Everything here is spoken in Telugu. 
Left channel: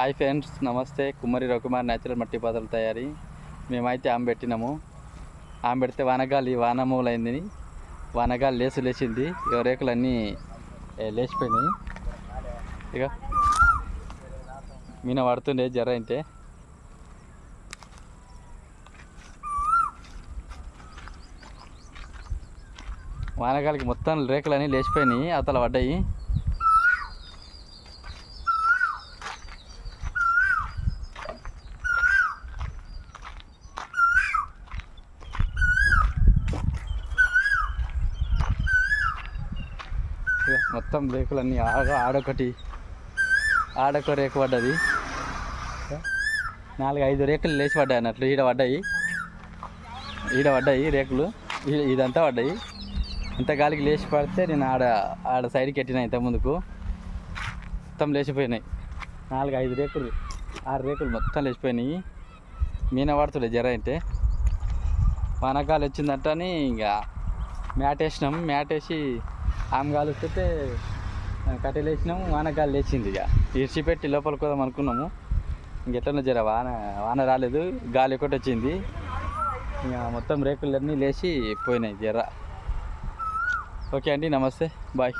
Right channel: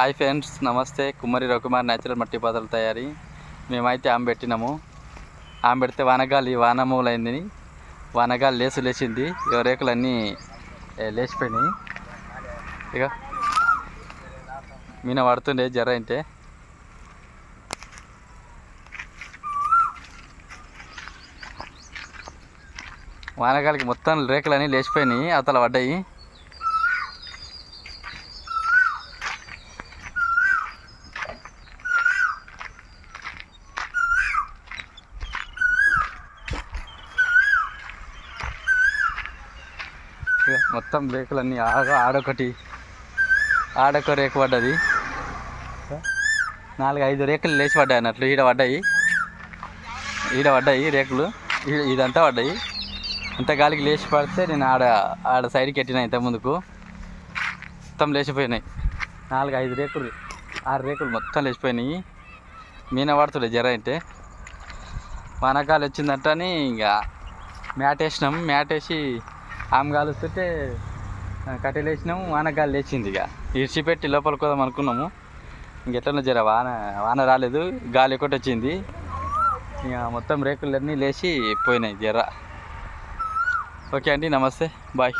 హాయ్ ఫ్రెండ్స్ నమస్తే. కుమ్మరి రఘుమార్ న్యాచురల్ మట్టి పాత్రల తయారీ. మేమైతే ఆమె పెట్టినాము. ఆమె పెడితే వానగాలి వానమూలైంది వానగాలి లేసు లేచింది. ఇక రేకులు అన్నీ లేచిపోయినాయి. ఇక మీన పడుతుండే జ్వర అంటే వానగాలికి మొత్తం రేకులు అన్నీ లేచిపోయినాయి అతల పడ్డాయి. ఇక మొత్తం రేకులన్నీ ఆడ ఆడొకటి ఆడొక రేకు పడ్డది. నాలుగు ఐదు రేకులు లేచి పడ్డాయి అన్నట్లు. ఈడ పడ్డాయి. ఈడ పడ్డాయి రేకులు. ఈ- ఇదంతా పడ్డాయి. అంత గాలికి లేచి పడితే నేను ఆడ ఆడ సైడ్కి ఎట్టినా ఇంత ముందుకు. మొత్తం లేచిపోయినాయి. నాలుగు ఐదు రేకులు ఆరు రేకులు మొత్తం లేచిపోయినాయి. మీన పడుతుండే జర అంటే వానకాలు వచ్చిందంటని ఇంకా మ్యాట్ వేసినాం. మ్యాట్ వేసి ఆమె కాలుస్తుంటే కట్టెలు వేసినాము వానకాలు లేచింది ఇక. ఇడిచిపెట్టి లోపల కోదాం అనుకున్నాము. ఇంకెట్లనో జర వాన వాన రాలేదు గాలి ఒకటి వచ్చింది. ఇక మొత్తం రేకులన్నీ లేచి పోయినాయి జర. ఓకే అండి నమస్తే బాయ్.